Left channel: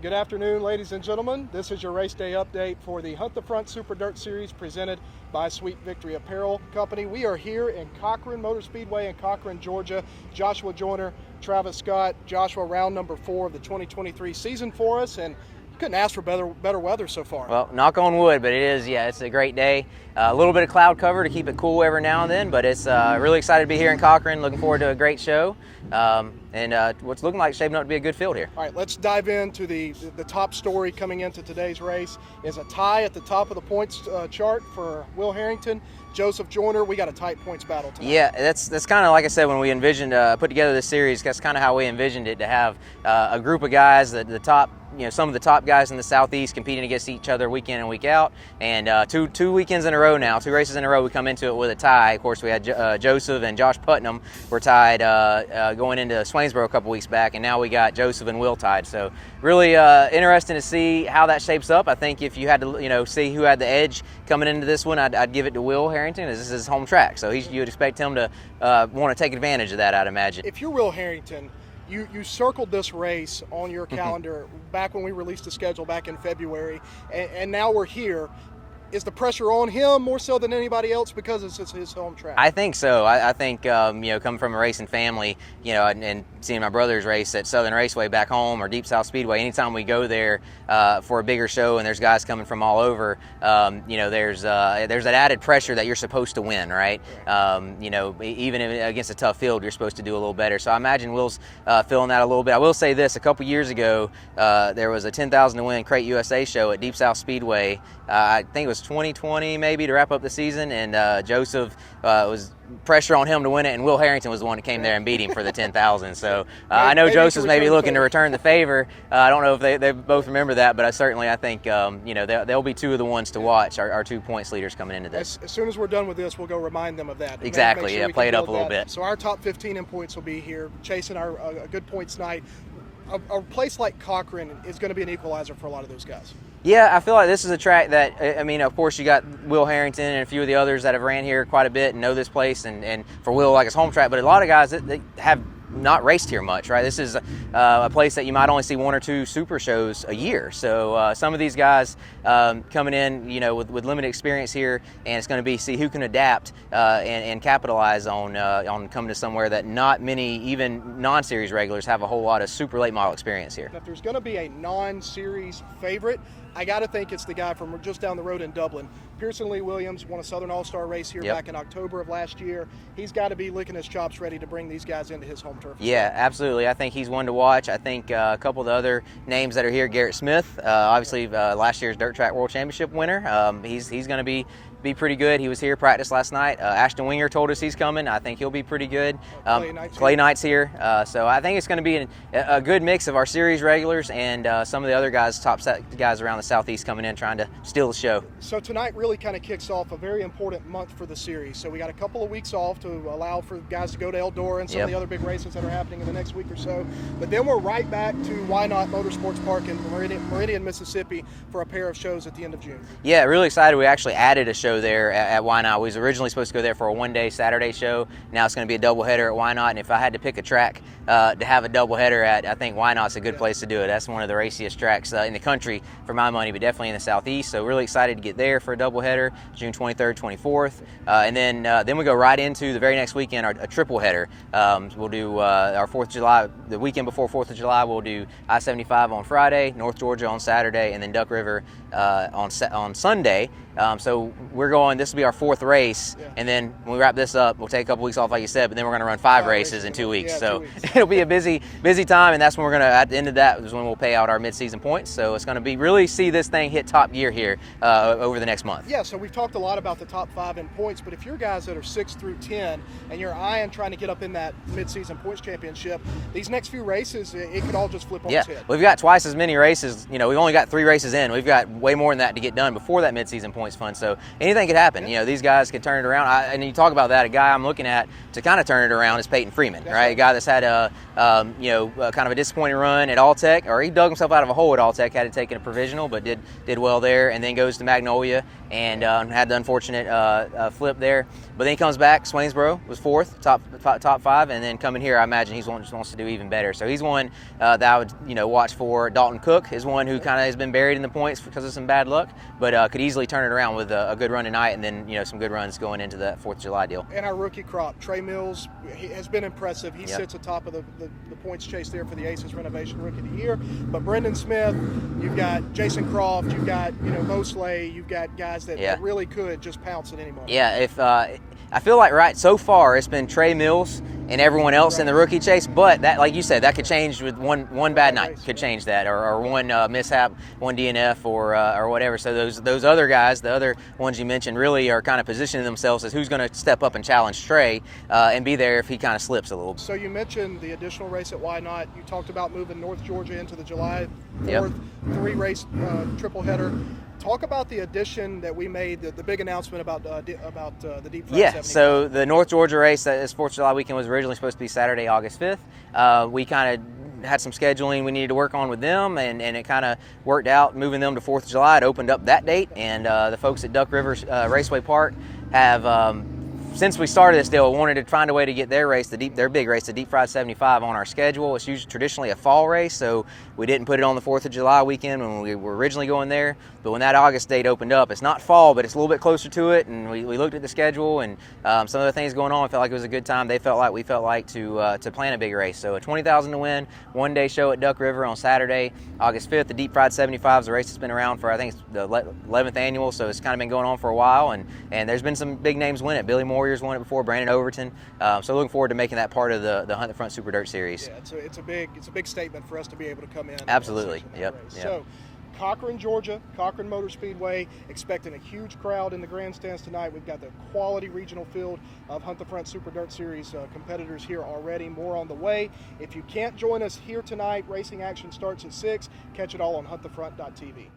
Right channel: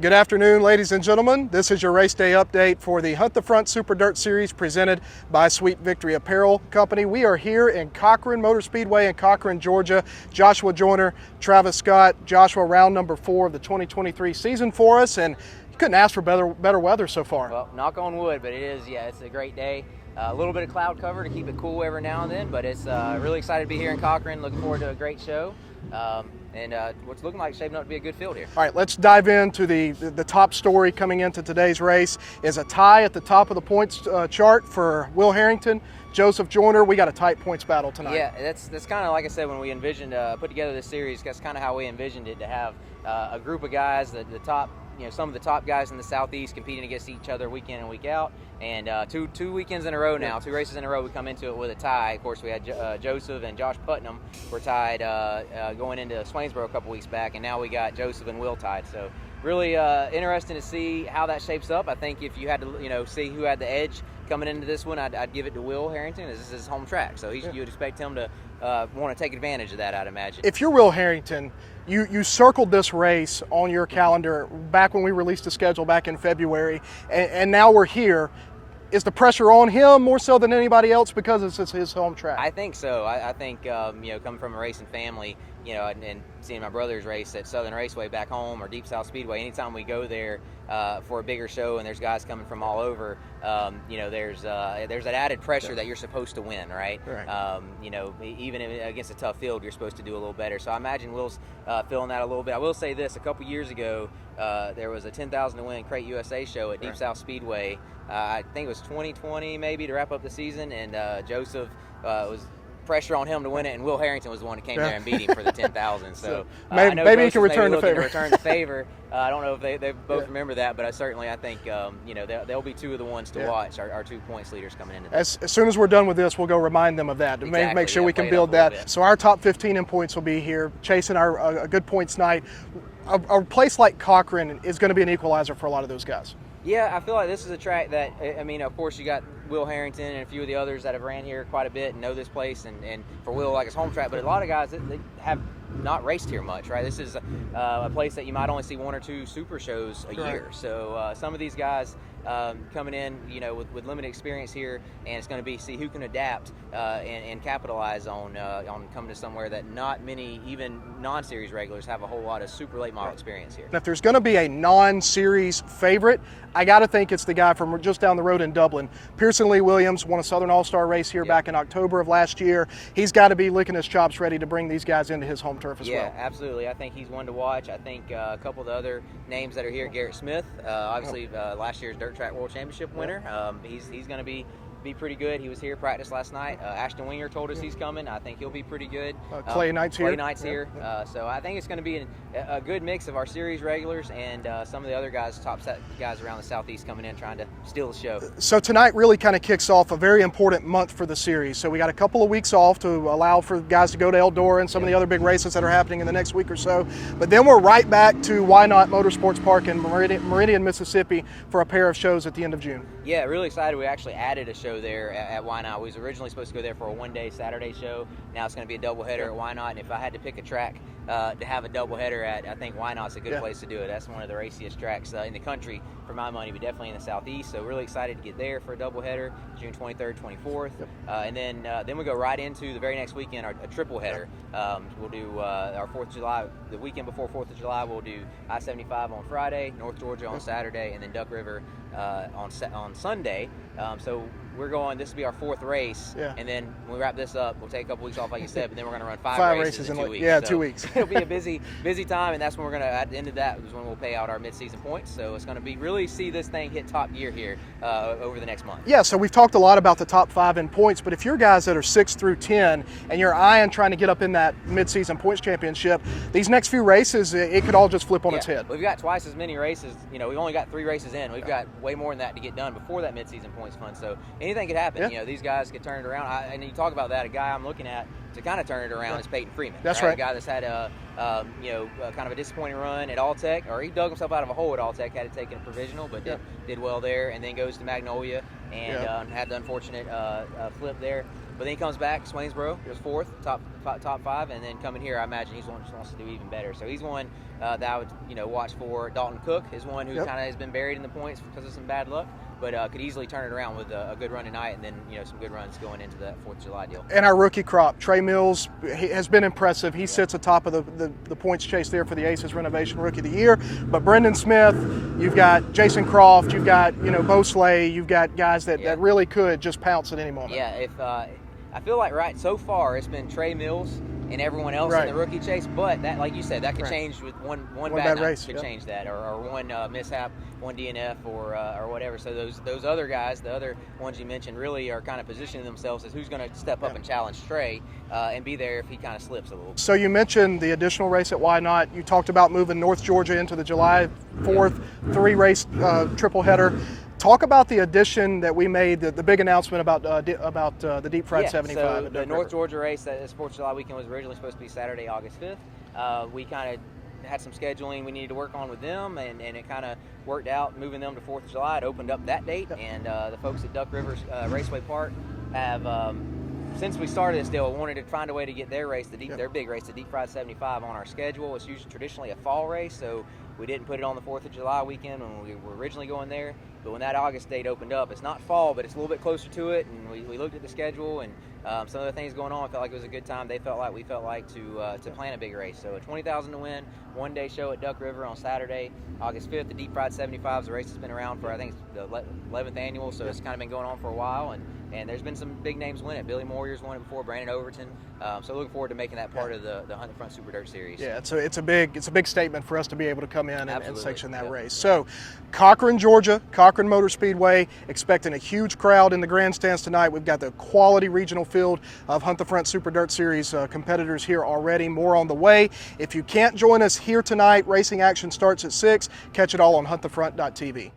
Good afternoon, ladies and gentlemen. This is your race day update for the Hunt the Front Super Dirt Series presented by Sweet Victory Apparel Company. We are here in Cochran Motor Speedway in Cochran, Georgia. Joshua Joyner, Travis Scott. Joshua, round number 4 of the 2023 season for us, and you couldn't ask for better weather so far. Well, knock on wood, but it's a great day. A little bit of cloud cover to keep it cool every now and then, but it's really excited to be here in Cochran. Looking forward to a great show. And what's looking like shaping up to be a good field here. All right, let's dive into the top story coming into today's race is a tie at the top of the points chart for Will Harrington, Joseph Joyner. We got a tight points battle tonight. Yeah, that's kind of like I said when we envisioned put together this series. That's kind of how we envisioned it, to have a group of guys, the top. Some of the top guys in the Southeast competing against each other week in and week out, and two weekends in a row now, 2 races in a row, we come into it with a tie. Of course, we had Joseph and Josh Putnam were tied going into Swainsboro a couple weeks back, and now we got Joseph and Will tied. So really interesting to see how that shapes up. I think if you had to see who had the edge coming into this one, I'd give it to Will Harrington, as this is his home track. So you'd expect him to want to take advantage of that, I'd imagine. If you're Will Harrington, you circled this race on your calendar back when we released the schedule back in February, and now we're here. Is the pressure on him more so than anybody else because it's his home track? I think so. I think coming from a racing family, and seeing my brothers race at Southern Raceway back home or Deep South Speedway, anytime we go there for a bigger show and there's guys coming from all over, there's that added pressure that you're supposed to win, right? Even against a tough field, you're supposed to do a little better. So I imagine Will's feeling that a little bit. I will say this: a couple years ago, there was a 10,000 to win Crate USA show at Deep South Speedway. I think it was 2020 maybe, to wrap up the season, and Joseph was pressure on him to win it, and Will Harrington was the one who came there and beat him for the 10,000. So I know Joseph's maybe looking to return the favor. I don't know if they both remember that, but I think they'll be two of the ones to watch, our 2 points leaders coming into this. As soon as we're done with this, we'll go remind them of that. Exactly. Make sure we can build that. So our top 15 in points will be here, chasing a good points night. A place like Cochran is going to be an equalizer for a lot of those guys. Yeah, I feel like this is a track that, of course, you got Will Harrington and a few of the others that have ran here quite a bit and know this place, and for Will, like his home track, but a lot of guys that have not raced here much, right? This is a place that you might only see 1 or 2 super shows a year. So some of these guys coming in, with limited experience here, and it's going to be see who can adapt and capitalize on coming to somewhere that not many, even non-series regulars, have a whole lot of super late model experience here. And if there's going to be a non-series favorite, I got to think it's the guy from just down the road in Dublin. Pearson Lee Williams won a Southern All-Star race here back in October of last year. He's got to be licking his chops ready to bring these guys into his home turf as well. Absolutely. I think he's one to watch. I think a couple of the other names that are here, Garrett Smith, obviously last year's Dirt Track World Championship winner. He's going to be pretty good. He was here, practiced last night. Ashton Winger told us he's coming. I think he'll be pretty good. Clay Knight's here. So I think it's going to be a good mix of our series regulars and some of the other guys, top guys around the Southeast coming in trying to steal the show. So tonight really kind of kicks off a very important month for the series. So we got a couple of weeks off to allow for guys to go to Eldora and some of the other big races that are happening in the next week or so. But then we're right back to Why Not Motorsports Park in Meridian, Mississippi for a pair of shows at the end of June. Yeah, really excited. We actually added a show there at Why Not. We was originally supposed to go there for a one-day Saturday show. Now it's going to be a doubleheader at Why Not, and if I had to pick a track to have a doubleheader at, I think Why Not's a good place to do it. That's one of the raciest tracks in the country for my money, but definitely in the Southeast. So really excited to get there for a doubleheader, June 23rd, 24th, and then we go right into the very next weekend, a triple header. We'll do our 4th of July, the weekend before 4th of July. We'll do I-75 on Friday, North Georgia on Saturday, and then Duck River on Sunday. So we're going, this will be our 4th race, and then when we wrap this up, we'll take a couple weeks off, like you said, but then we're going to run 5 races in 2 weeks. Yeah, so 2 weeks. It'll be a busy time, and that's when we're going to, at the end of that, is when we'll pay out our mid-season points. So it's going to be really see this thing hit top gear here over the next month. Yeah, so we've talked a lot about the top 5 in points, but if you're guys that are 6 through 10 and you're eyeing trying to get up in that mid-season points championship, these next few races, it could all just flip on its head. We've got twice as many races. We've only got 3 races in. We've got way more than that to get done before that mid-season points fund. So anything could happen. These guys can turn it around. And you talk about that, a guy I'm looking at to kind of turn it around is Peyton Freeman, right? A guy that's had a kind of a disappointing run at All-Tech, or he dug himself out of a hole at All-Tech, had to take a provisional, but did well there, and then goes to Magnolia and had the unfortunate flip there. But then he comes back. Swainsboro was fourth, top 5, and then coming here, I imagine he wants to do even better. So he's one that I would watch for. Dalton Cook is one who kind of has been buried in the points because of some bad luck, but could easily turn it around with a good run tonight, and then some good runs going into that 4th of July deal. And our rookie crop, Trey Mills, he has been impressive. He sits atop of the points chase there for the Aces Renovation Rookie of the Year. But Brendan Smith, you've got Jason Croft, you've got Bo Slay, you've got guys that really could just pounce at any moment. Yeah, if I feel like so far it's been Trey Mills and everyone else in the rookie chase, but that, like you said, that could change with one bad night race, could change that, or one mishap, one DNF, or whatever. So those other guys, the other ones you mentioned, really are kind of positioning themselves as who's going to step up and challenge Trey and be there if he kind of slips a little. So you mentioned the additional race at Why Not. You talked about moving North Georgia into the July 4th 3-race triple header. Talk about the addition that we made, the big announcement about the Deep Fried 75. So the North Georgia race, that is 4th of July weekend, was originally supposed to be Saturday, August 5th. We kind of had some scheduling we needed to work on with them, and it kind of worked out moving them to 4th of July. It opened up that date, and the folks at Duck River Raceway Park have, since we started this deal, wanted to find a way to get their race, their big race, the Deep Fried 75, on our schedule. It's usually traditionally a fall race, so we didn't put it on the 4th of July weekend when we were originally going there. But when that August date opened up, it's not fall, but it's a little bit closer to it, and we looked at the schedule and some of the things going on. I felt like it was a good time. We felt like to plan a big race. So a $20,000 to win, one-day show at Duck River on Saturday, August 5th. The Deep Fried 75 is a race that's been around for, I think it's the 11th annual, so it's kind of been going on for a while, and there's been some big names win it. Billy Moyer's won it before, Brandon Overton. So looking forward to making that part of the Hunt the Front Super Dirt Series. Yeah, it's a big statement for us to be able to come in and sanction that race. Yep. So Cochran, Georgia, Cochran Motor Speedway, expecting a huge crowd in the grandstands tonight. We've got the quality regional field of Hunt the Front Super Dirt Series competitors here already. More on the way. If you can't join us here tonight, racing action starts at 6. Catch it all on huntthefront.tv.